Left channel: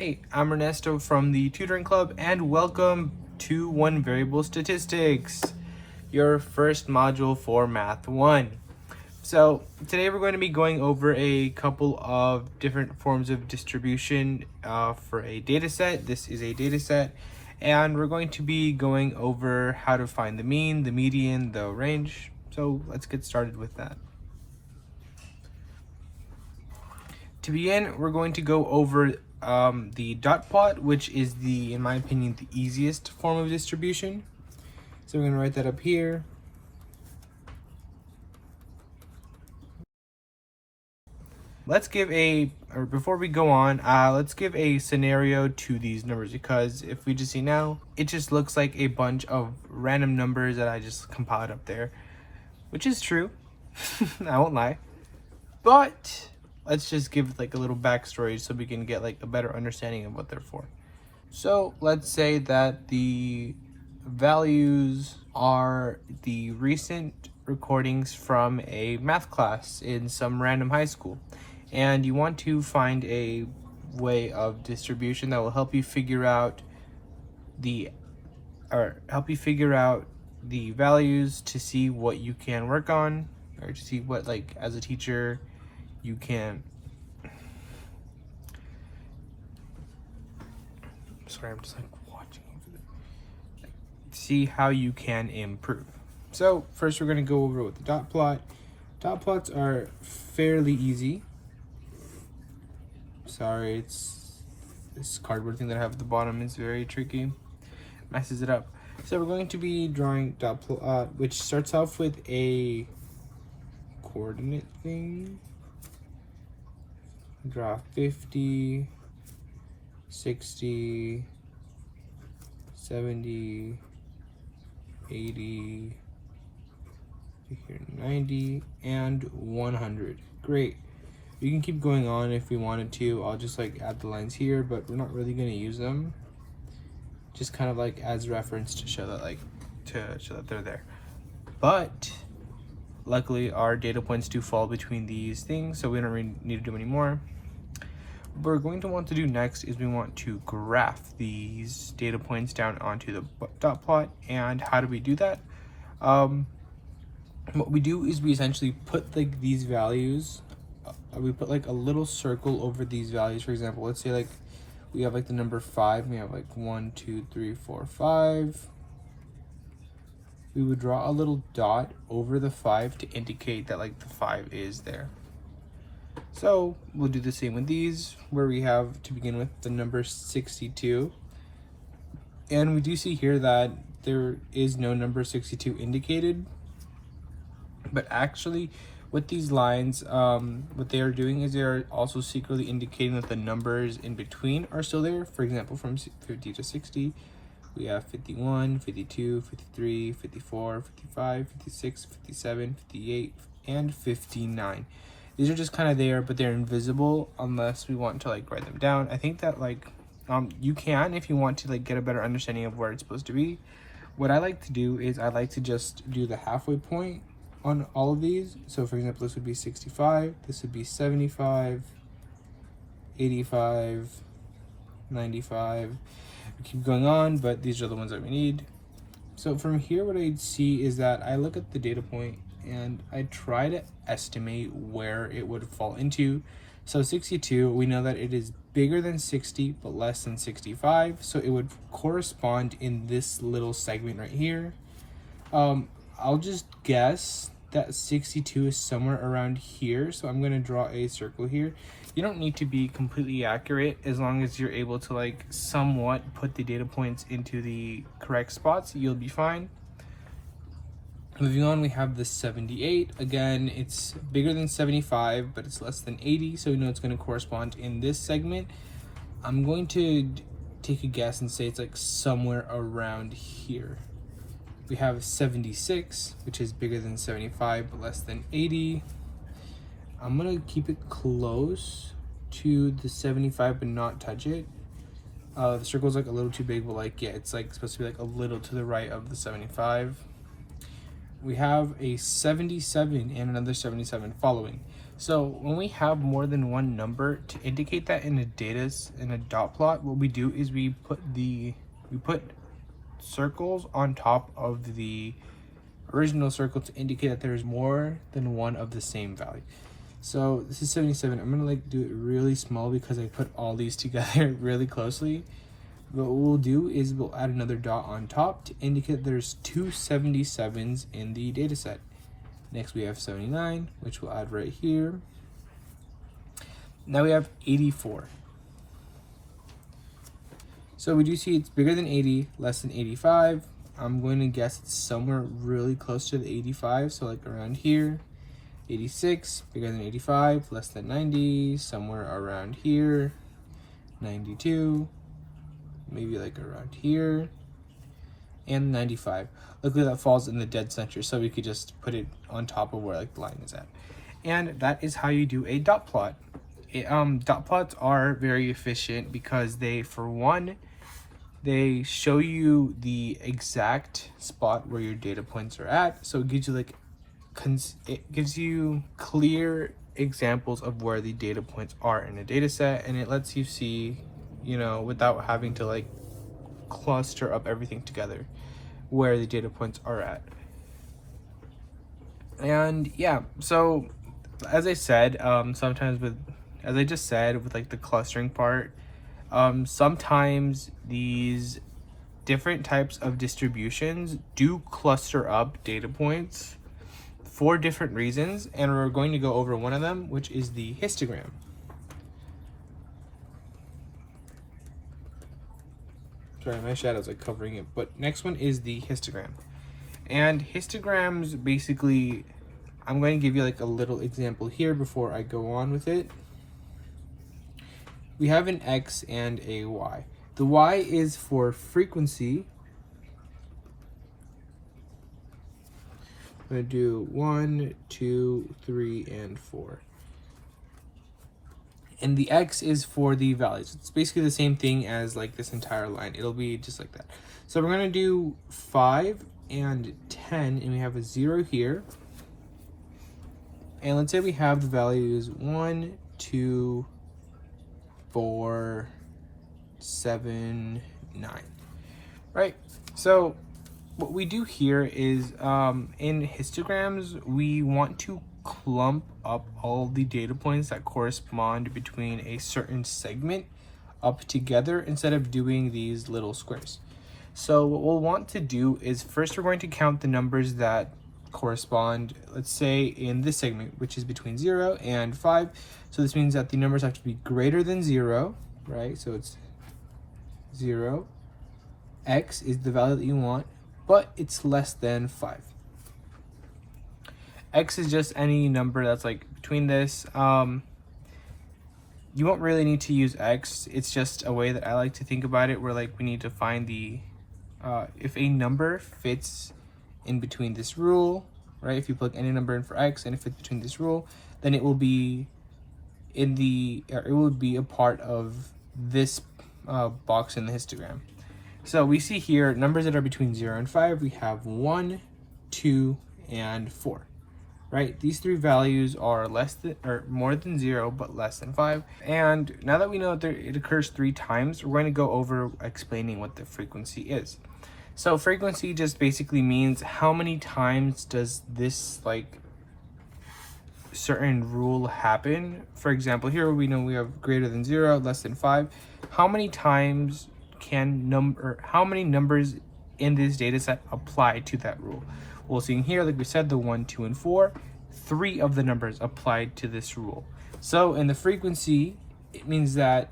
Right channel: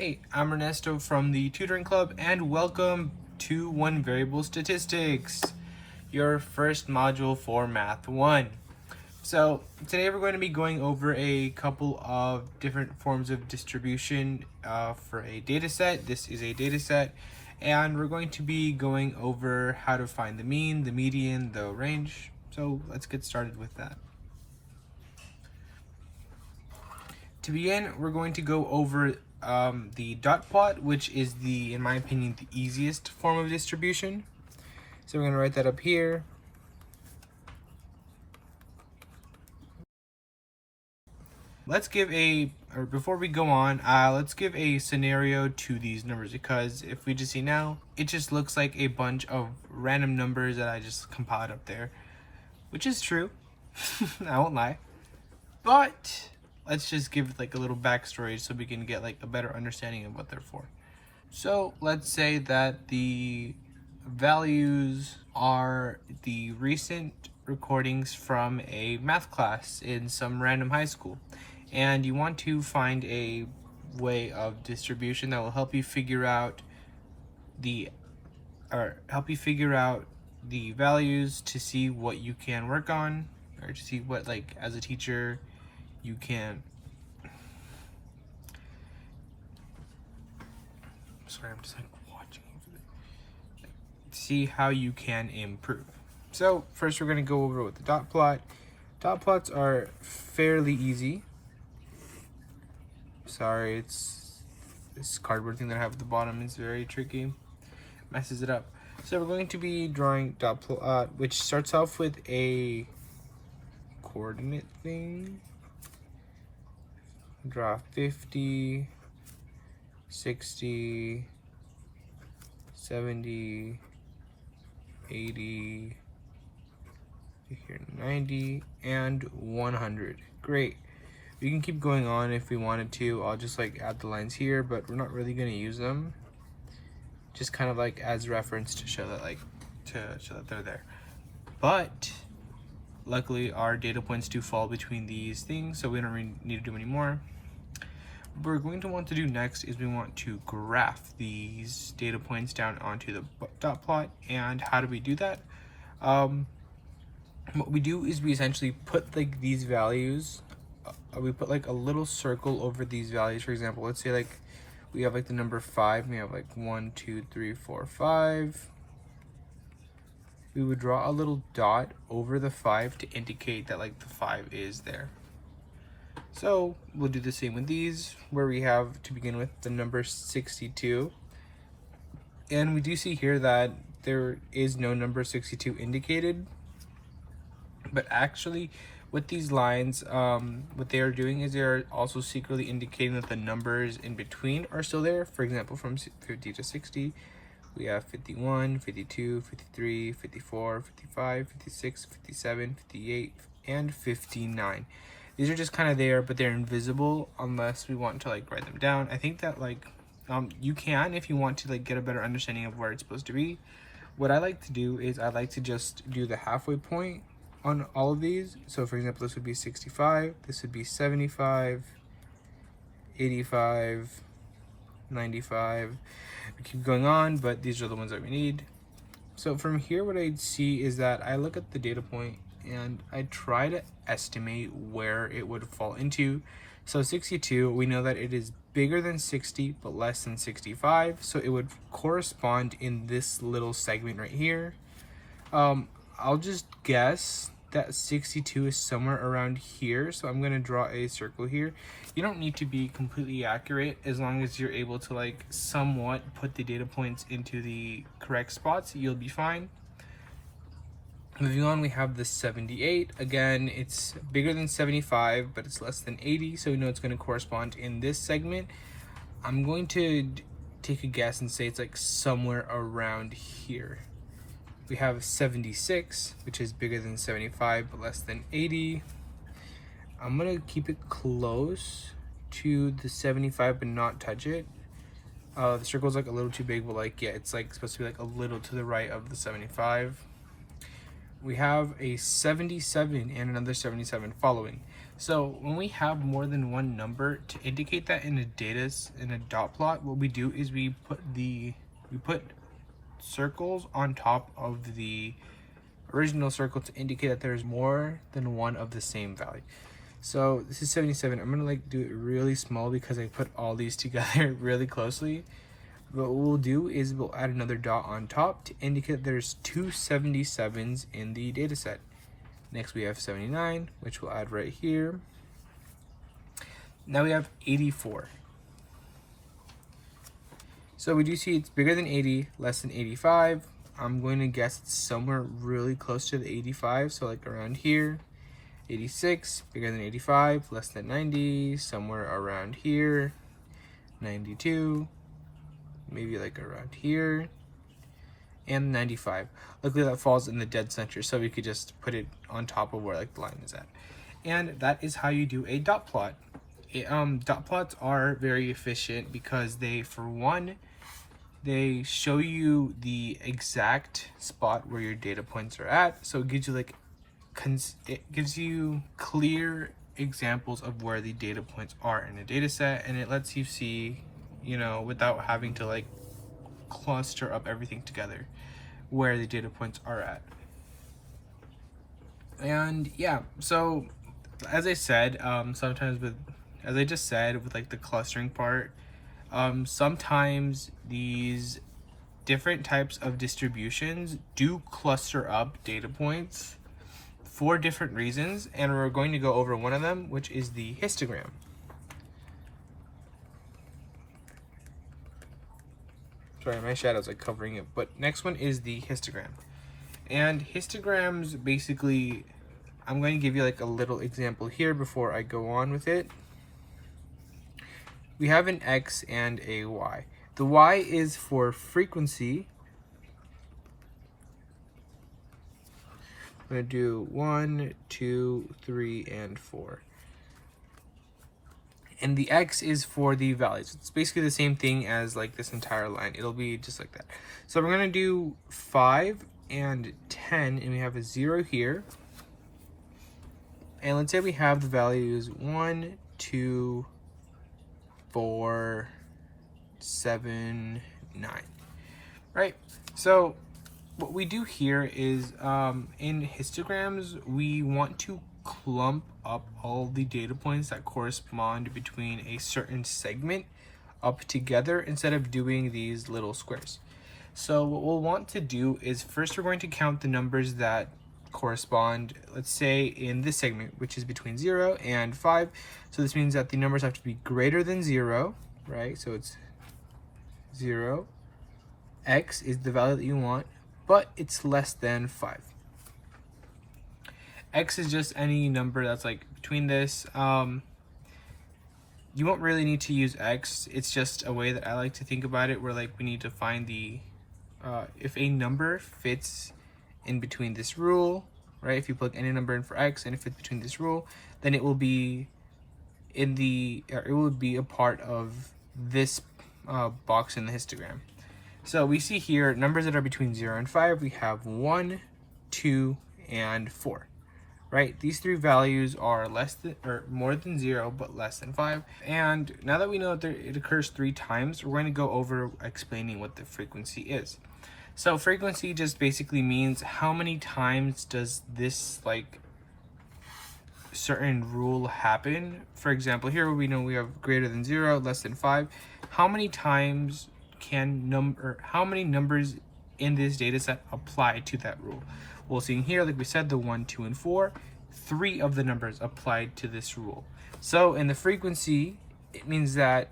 Hey, I'm Ernesto from the Tutoring Club, and welcome to One Variable Statistics, your first module for Math 1. So today we're going to be going over a couple of different forms of distribution for a data set. This is a data set, and we're going to be going over how to find the mean, the median, the range. So let's get started with that. To begin, we're going to go over the dot plot, which is in my opinion, the easiest form of distribution. So we're going to write that up here. Before we go on, let's give a scenario to these numbers, because if we just see now, it just looks like a bunch of random numbers that I just compiled up there, which is true. I won't lie. But let's just give like a little backstory so we can get like a better understanding of what they're for. So let's say that the values are the recent recordings from a math class in some random high school, and you want to find a way of distribution that will help you figure out the values to see what you can work on, or to see what, like, as a teacher you can I'm just like watching over there. See how you can improve. So first we're going to go over with the dot plot. Dot plots are fairly easy. Sorry, it's this cardboard thing that I have at the bottom is very tricky, messes it up. So we're going to be drawing dot plot, which starts off with a coordinate thing. Draw 50, 60, 70, 80, here 90, and 100. Great. We can keep going on if we wanted to. I'll just like add the lines here, but we're not really going to use them. Just kind of like as reference to show that they're there. But luckily our data points do fall between these things, so we don't really need to do any more. What we're going to want to do next is we want to graph these data points down onto the dot plot. And how do we do that? What we do is we essentially put like these values, we put like a little circle over these values. For example, let's say like we have like the number 5, we have like 1, 2, 3, 4, 5. We would draw a little dot over the 5 to indicate that like the 5 is there. So we'll do the same with these, where we have, to begin with, the number 62. And we do see here that there is no number 62 indicated. But actually, with these lines, what they are doing is they're also secretly indicating that the numbers in between are still there. For example, from 50 to 60, we have 51, 52, 53, 54, 55, 56, 57, 58, and 59. These are just kind of there, but they're invisible unless we want to like write them down. I think that like you can, if you want to like get a better understanding of where it's supposed to be. What I like to do is I like to just do the halfway point on all of these. So for example, this would be 65, this would be 75, 85, 95. We keep going on, but these are the ones that we need. So from here, what I see is that I look at the data point and I try to estimate where it would fall into. So 62, we know that it is bigger than 60 but less than 65, so it would correspond in this little segment right here. I'll just guess that 62 is somewhere around here, so I'm going to draw a circle here. You don't need to be completely accurate, as long as you're able to like somewhat put the data points into the correct spots, you'll be fine. Moving on, we have the 78. Again, it's bigger than 75, but it's less than 80, so we know it's going to correspond in this segment. I'm going to take a guess and say it's like somewhere around here. We have 76, which is bigger than 75, but less than 80. I'm going to keep it close to the 75, but not touch it. The circle's like a little too big, but like, yeah, it's like supposed to be like a little to the right of the 75. We have a 77 and another 77 following. So when we have more than one number, to indicate that in a dot plot, what we do is we put circles on top of the original circle to indicate that there's more than one of the same value. So this is 77. I'm gonna like do it really small because I put all these together really closely. But what we'll do is we'll add another dot on top to indicate there's two 77s in the data set. Next we have 79, which we'll add right here. Now we have 84. So we do see it's bigger than 80, less than 85. I'm going to guess it's somewhere really close to the 85, so like around here. 86, bigger than 85, less than 90, somewhere around here. 92, maybe like around here. And 95. Luckily that falls in the dead center, so we could just put it on top of where like the line is at. And that is how you do a dot plot. Dot plots are very efficient because they, for one, they show you the exact spot where your data points are at. So it gives you like it gives you clear examples of where the data points are in a data set, and it lets you see, you know, without having to like cluster up everything together where the data points are at. And yeah, so as I said, sometimes as I just said with like the clustering part, sometimes these different types of distributions do cluster up data points for different reasons, and we're going to go over one of them, which is the histogram. Sorry, my shadow's like covering it, but next one is the histogram. And histograms, basically, I'm going to give you like a little example here before I go on with it. We have an X and a Y. The Y is for frequency. I'm going to do 1, 2, 3, and 4. And the X is for the values. It's basically the same thing as like this entire line. It'll be just like that. So we're going to do 5 and 10, and we have a 0 here. And let's say we have the values 1, 2, 4, 7, 9. Right? So what we do here is in histograms, we want to clump up all the data points that correspond between a certain segment up together instead of doing these little squares. So what we'll want to do is first we're going to count the numbers that correspond, let's say in this segment, which is between 0 and 5. So this means that the numbers have to be greater than 0, right? So it's 0. X is the value that you want, but it's less than 5. X is just any number that's like between this. You won't really need to use X. It's just a way that I like to think about it, where like we need to find the, if a number fits in between this rule, right? If you plug any number in for X and it fits between this rule, then it will be in the, it will be a part of this box in the histogram. So we see here numbers that are between 0 and 5. We have 1, 2, and 4. Right? These three values are less than or more than 0, but less than 5. And now that we know that it occurs 3 times, we're going to go over explaining what the frequency is. So frequency just basically means how many times does this like certain rule happen. For example, here we know we have greater than 0, less than 5. How many times can how many numbers in this data set apply to that rule? Well, seeing here, like we said, the 1, 2, and 4, 3 of the numbers applied to this rule. So in the frequency, it means that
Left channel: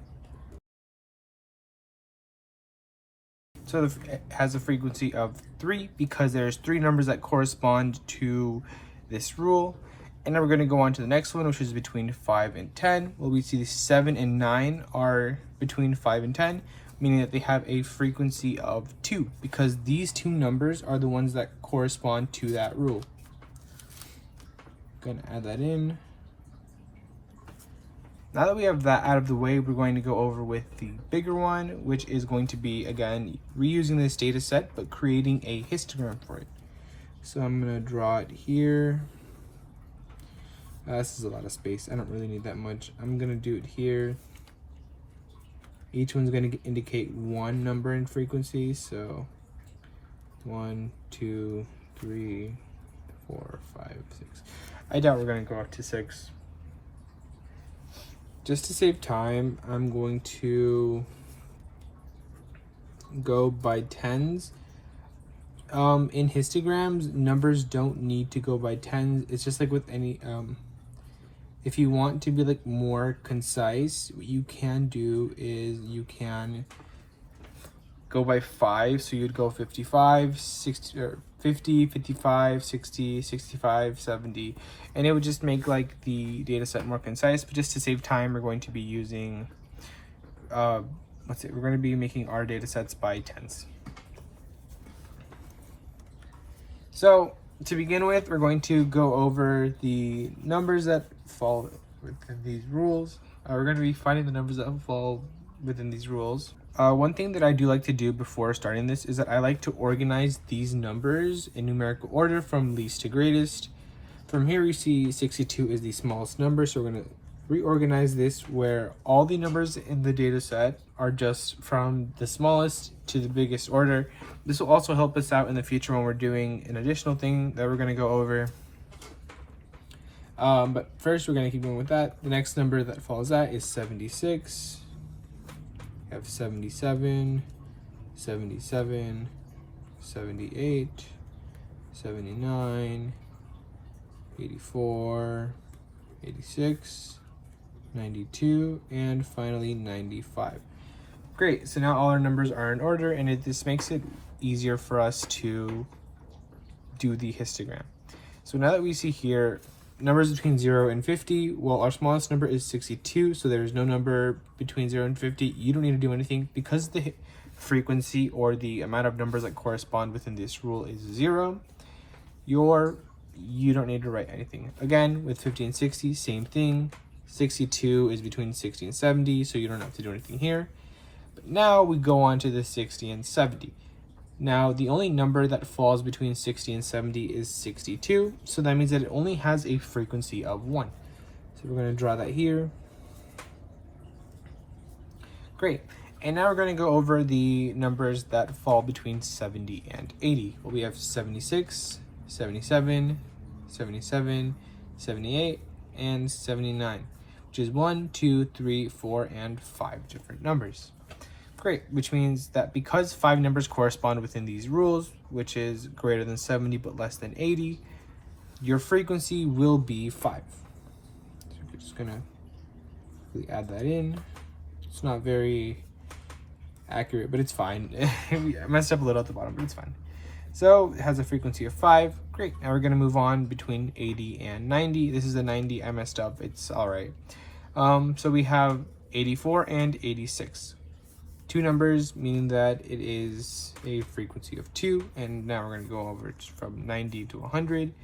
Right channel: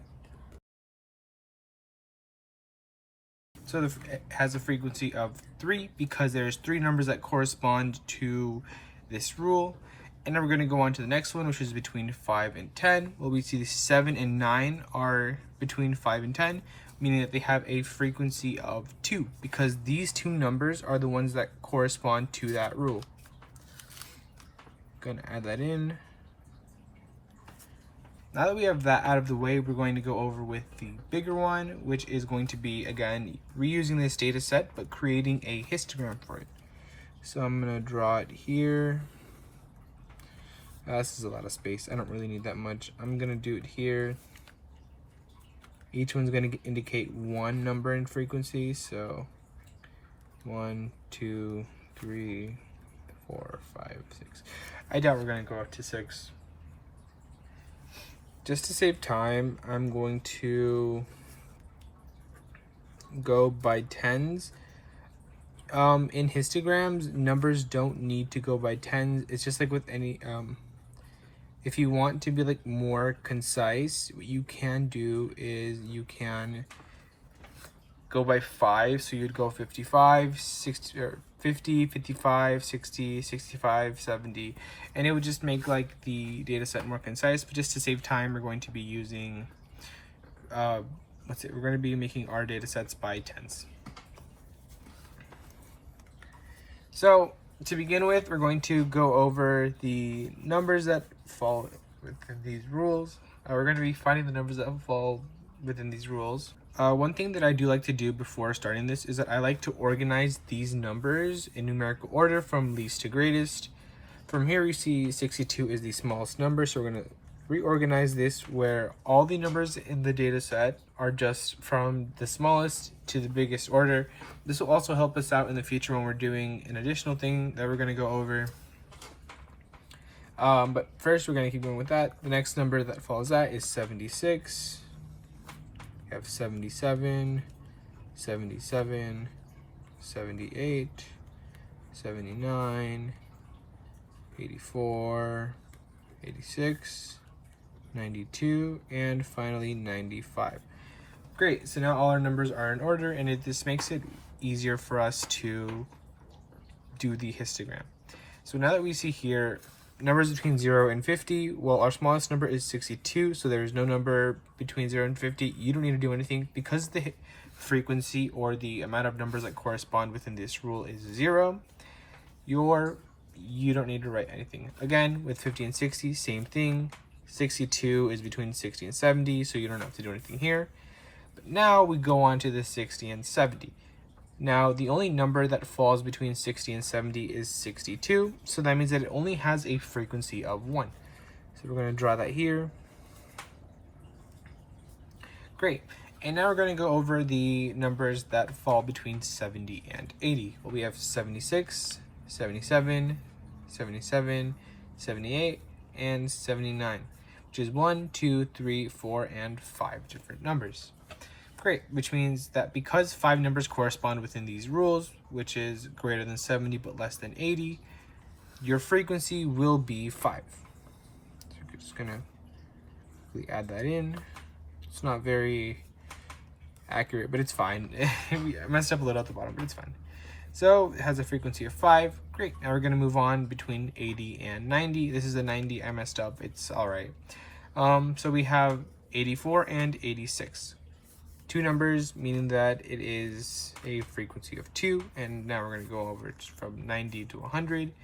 it has a frequency of 3 because there's 3 numbers that correspond to this rule. And then we're going to go on to the next one, which is between 5 and 10. Well, we see the 7 and 9 are between 5 and 10, meaning that they have a frequency of 2 because these 2 numbers are the ones that correspond to that rule. Going to add that in. Now that we have that out of the way, we're going to go over with the bigger one, which is going to be, again, reusing this data set, but creating a histogram for it. So I'm going to draw it here. This is a lot of space. I don't really need that much. I'm gonna do it here. Each one's gonna indicate one number in frequency. So 1, 2, 3, 4, 5, 6. I doubt we're gonna go up to 6. Just to save time, I'm going to go by tens. In histograms, numbers don't need to go by tens. It's just like with any if you want to be like more concise, what you can do is you can go by 5. So you'd go 55, 60, or 50, 55, 60, 65, 70, and it would just make like the data set more concise. But just to save time, we're going to be using we're going to be making our data sets by tens. So to begin with, we're going to go over the numbers that fall within these rules. We're going to be finding the numbers that fall within these rules. One thing that I do like to do before starting this is that I like to organize these numbers in numerical order from least to greatest. From here we see 62 is the smallest number, so we're going to reorganize this where all the numbers in the data set are just from the smallest to the biggest order. This will also help us out in the future when we're doing an additional thing that we're going to go over. But first we're going to keep going with that. The next number that follows that is 76. We have 77, 77, 78, 79, 84, 86, 92, and finally 95. Great, so now all our numbers are in order, and this makes it easier for us to do the histogram. So now that we see here numbers between 0 and 50, well, our smallest number is 62, so there's no number between 0 and 50. You don't need to do anything because the frequency or the amount of numbers that correspond within this rule is 0. You don't need to write anything. Again, with 50 and 60, same thing. 62 is between 60 and 70, so you don't have to do anything here. But now we go on to the 60 and 70. Now, the only number that falls between 60 and 70 is 62, so that means that it only has a frequency of 1. So we're going to draw that here. Great. And now we're going to go over the numbers that fall between 70 and 80. Well, we have 76, 77, 77, 78, and 79, which is 1, 2, 3, 4, and 5 different numbers. Great, which means that because 5 numbers correspond within these rules, which is greater than 70 but less than 80, your frequency will be 5. So we're just gonna quickly add that in. It's not very accurate, but it's fine. I messed up a little at the bottom, but it's fine. So it has a frequency of 5. Great, now we're gonna move on between 80 and 90. This is a 90, I messed up, it's all right. So we have 84 and 86. 2 numbers, meaning that it is a frequency of 2, and now we're going to go over from 90 to 100,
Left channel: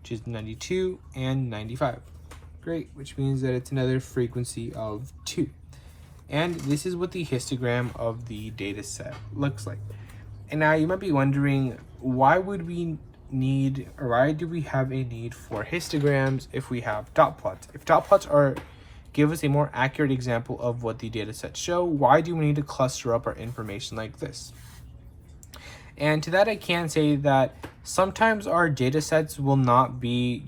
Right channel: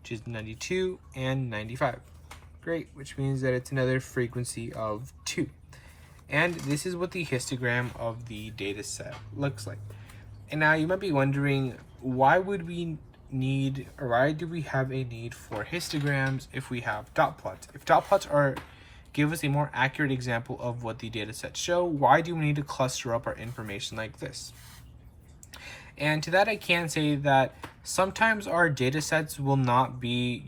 which is 92 and 95. Great, which means that it's another frequency of 2. And this is what the histogram of the data set looks like. And now you might be wondering, why would we need, or why do we have a need for histograms if we have dot plots? If dot plots give us a more accurate example of what the data sets show, why do we need to cluster up our information like this? And to that I can say that sometimes our data sets will not be,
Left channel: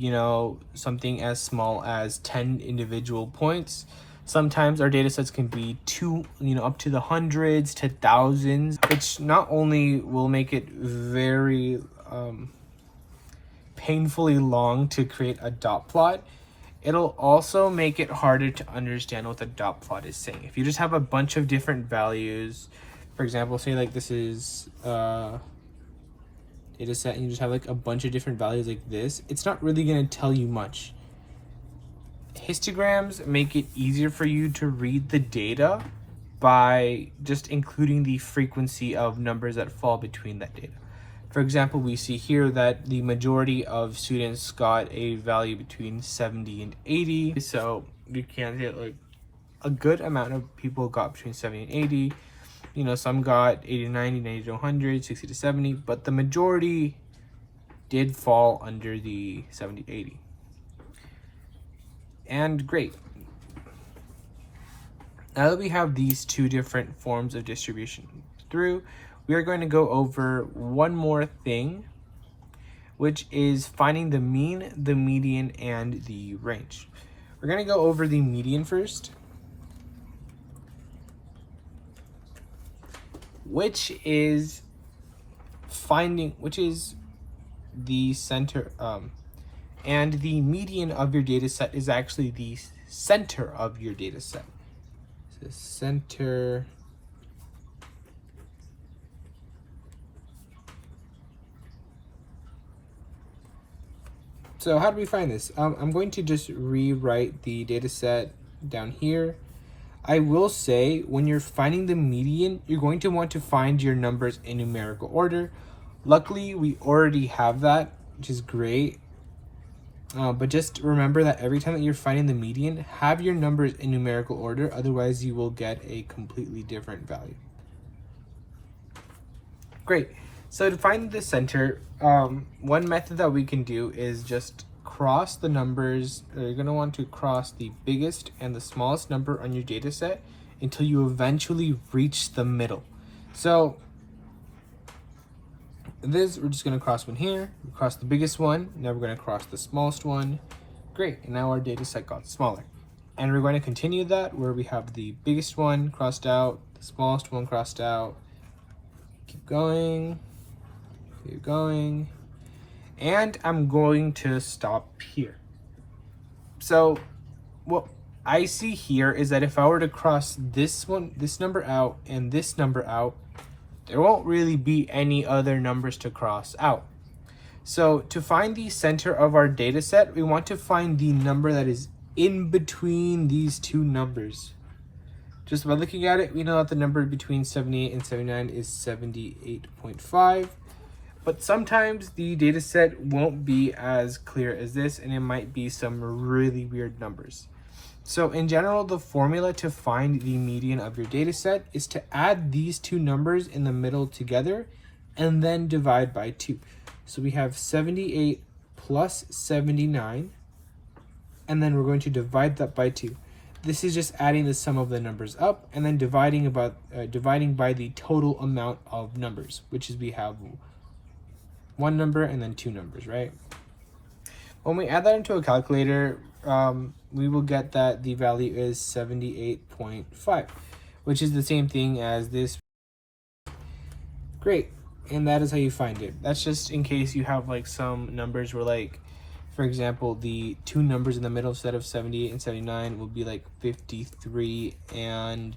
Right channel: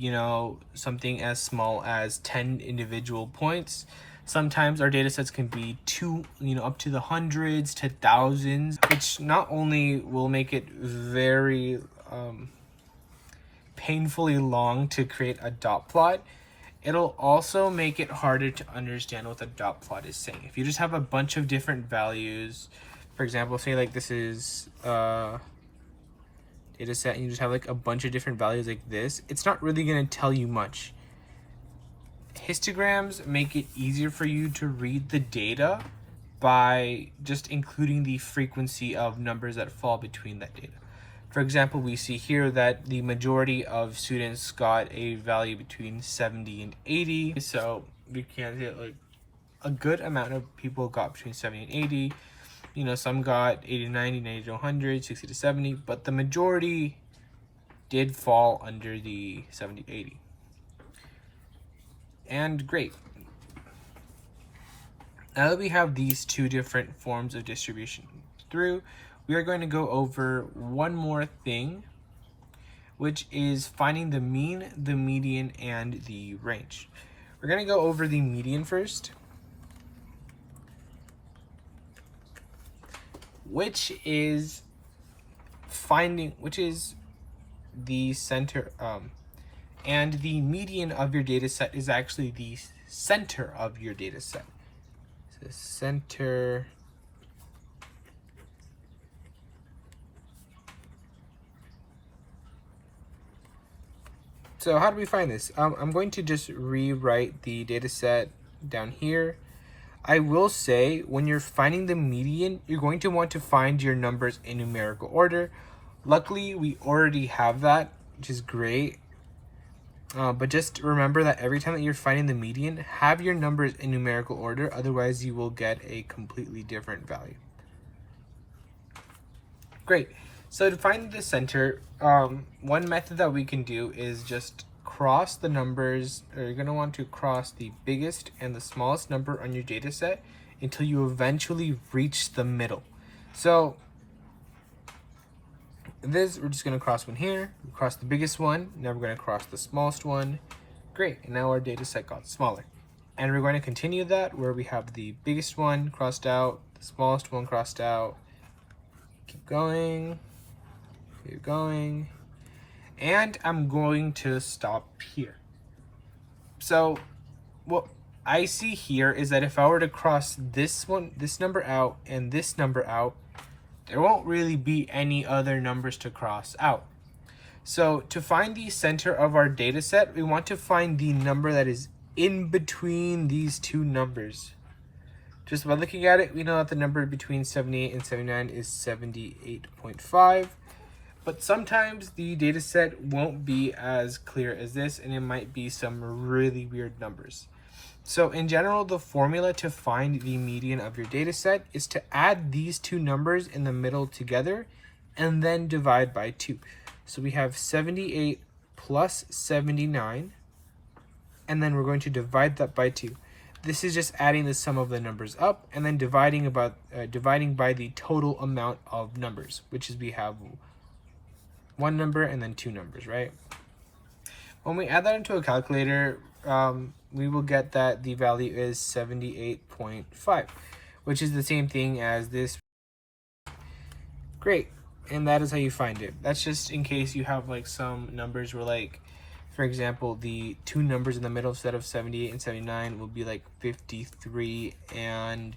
something as small as 10 individual points. Sometimes our data sets can be up to the hundreds to thousands, which not only will make it very painfully long to create a dot plot, it'll also make it harder to understand what the dot plot is saying. If you just have a bunch of different values, for example, say like this is data set and you just have like a bunch of different values like this, it's not really going to tell you much. Histograms make it easier for you to read the data by just including the frequency of numbers that fall between that data. For example, we see here that the majority of students got a value between 70 and 80. So we can say like a good amount of people got between 70 and 80. Some got 80 to 90, 90 to 100, 60 to 70, but the majority did fall under the 70 to 80. And great. Now that we have these two different forms of distribution through, we are going to go over one more thing, which is finding the mean, the median, and the range. We're going to go over the median first, which is the center, and the median of your data set is actually the center of your data set. So center So how do we find this? I'm going to just rewrite the data set down here. I will say when you're finding the median, you're going to want to find your numbers in numerical order. Luckily, we already have that, which is great. But just remember that every time that you're finding the median, have your numbers in numerical order. Otherwise, you will get a completely different value. Great. So to find the center, one method that we can do is just cross the numbers, or you're going to want to cross the biggest and the smallest number on your data set until you eventually reach the middle. So this, we're just going to cross one here, cross the biggest one, now we're going to cross the smallest one. Great, and now our data set got smaller. And we're going to continue that where we have the biggest one crossed out, the smallest one crossed out. Keep going. Keep going, and I'm going to stop here. So what I see here is that if I were to cross this number out and this number out, there won't really be any other numbers to cross out. So to find the center of our data set, we want to find the number that is in between these two numbers. Just by looking at it, we know that the number between 78 and 79 is 78.5. But sometimes the data set won't be as clear as this, and it might be some really weird numbers. So in general, the formula to find the median of your data set is to add these two numbers in the middle together and then divide by 2. So we have 78 plus 79, and then we're going to divide that by 2. This is just adding the sum of the numbers up and then dividing by the total amount of numbers, which is we have one number and then two numbers, right? When we add that into a calculator, we will get that the value is 78.5, which is the same thing as this. Great, and that is how you find it. That's just in case you have like some numbers where, like, for example, the two numbers in the middle instead of 78 and 79 will be like 53 and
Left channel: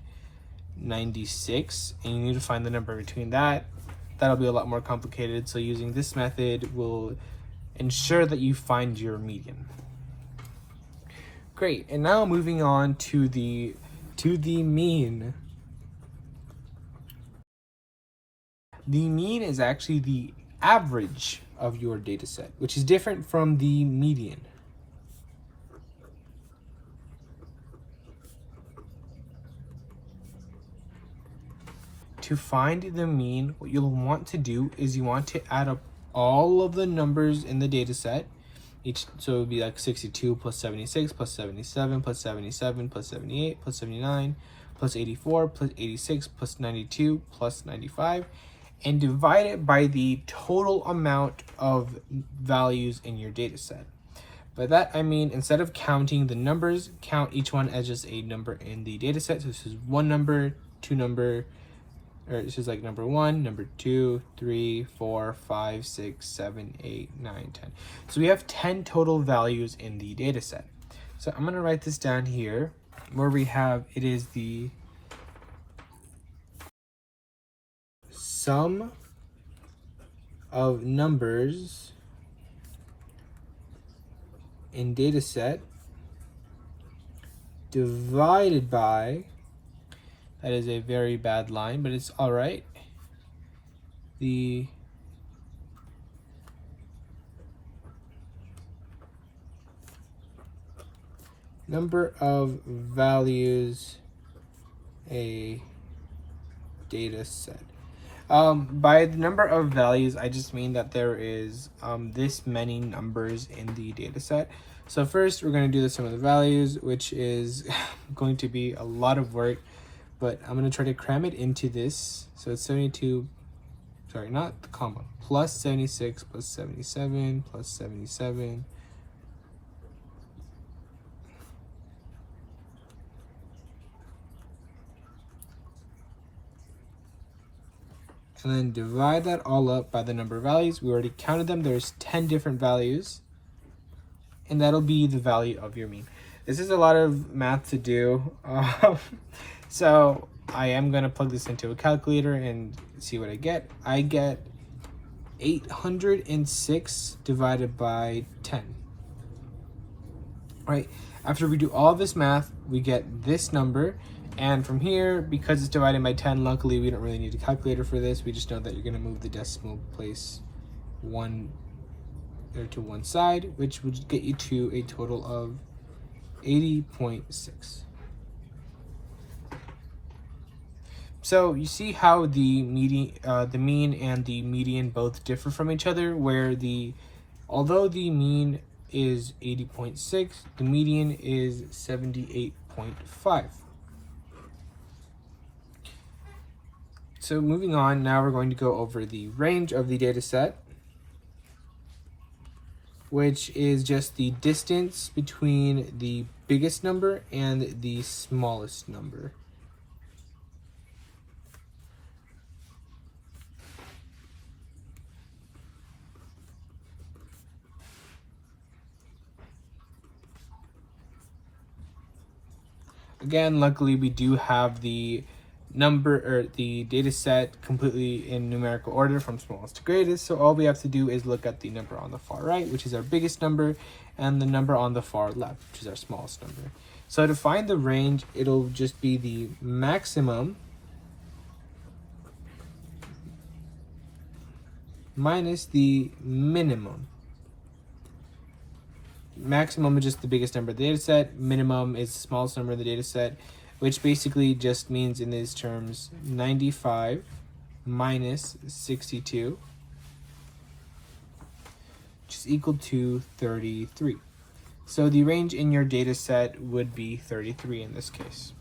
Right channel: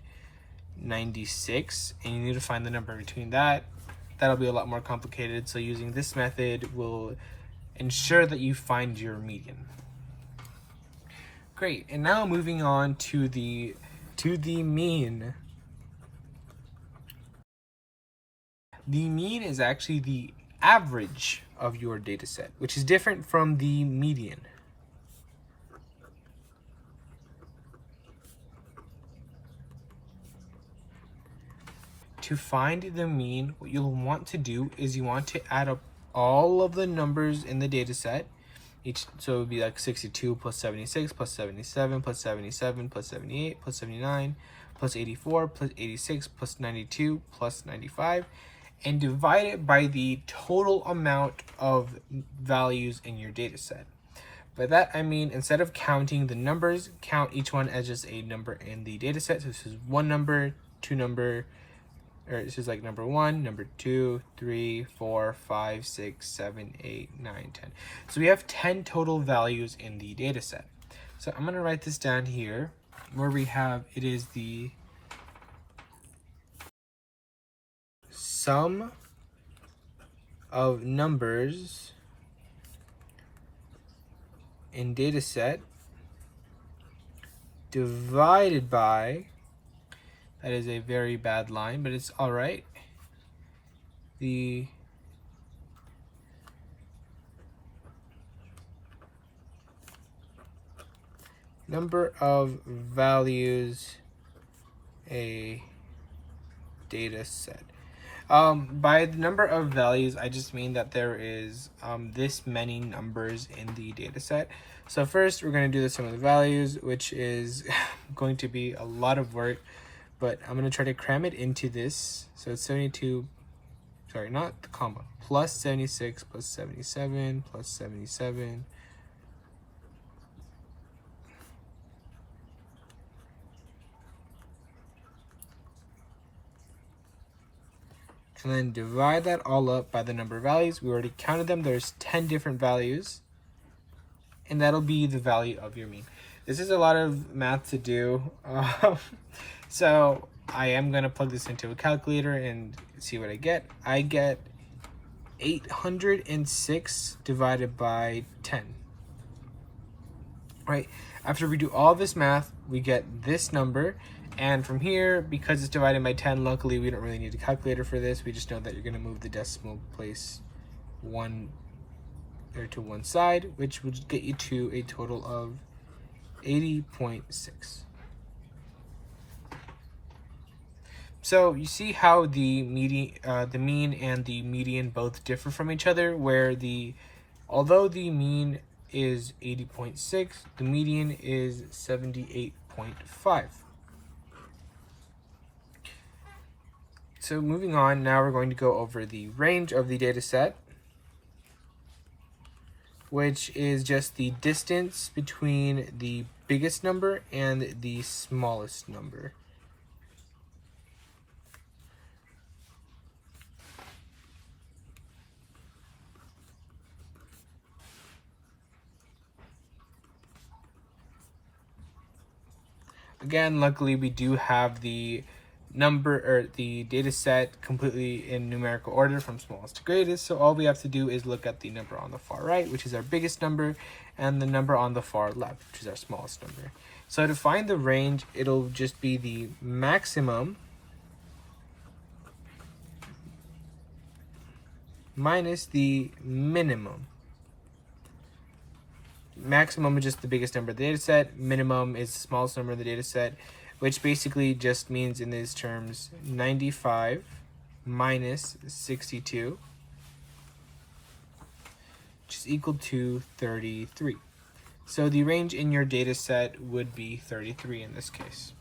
96, and you need to find the number between that. That'll be a lot more complicated, so using this method will ensure that you find your median. Great, and now moving on to the mean. The mean is actually the average of your data set, which is different from the median. To find the mean, what you'll want to do is you want to add up all of the numbers in the data set. So it would be like 62 plus 76 plus 77 plus 77 plus 78 plus 79 plus 84 plus 86 plus 92 plus 95, and divide it by the total amount of values in your data set. By that I mean, instead of counting the numbers, count each one as just a number in the data set. So this is one number, two number, or this is like number 1, number 2, 3, 4, 5, 6, 7, 8, 9, 10. So we have 10 total values in the data set. So I'm going to write this down here where we have, it is the sum of numbers in data set divided by, that is a very bad line, but it's all right, the number of values a data set. By the number of values, I just mean that there is this many numbers in the data set. So first we're going to do the sum of the values, which is going to be a lot of work, but I'm going to try to cram it into this. So it's 72, sorry, not the comma, plus 76 plus 77 plus 77. And then divide that all up by the number of values. We already counted them. There's 10 different values. And that'll be the value of your mean. This is a lot of math to do. So I am going to plug this into a calculator and see what I get. I get 806 divided by 10. Right? After we do all this math, we get this number. And from here, because it's divided by 10, luckily we don't really need a calculator for this. We just know that you're going to move the decimal place to one side, which would get you to a total of 80.6. So you see how the mean and the median both differ from each other, where although the mean is 80.6, the median is 78.5. So moving on, now we're going to go over the range of the data set, which is just the distance between the biggest number and the smallest number. Again, luckily we do have the the data set completely in numerical order from smallest to greatest. So all we have to do is look at the number on the far right, which is our biggest number, and the number on the far left, which is our smallest number. So to find the range, it'll just be the maximum minus the minimum. Maximum is just the biggest number of the data set. Minimum is the smallest number of the data set, which basically just means in these terms 95 minus 62, which is equal to 33. So the range in your data set would be 33 in this case.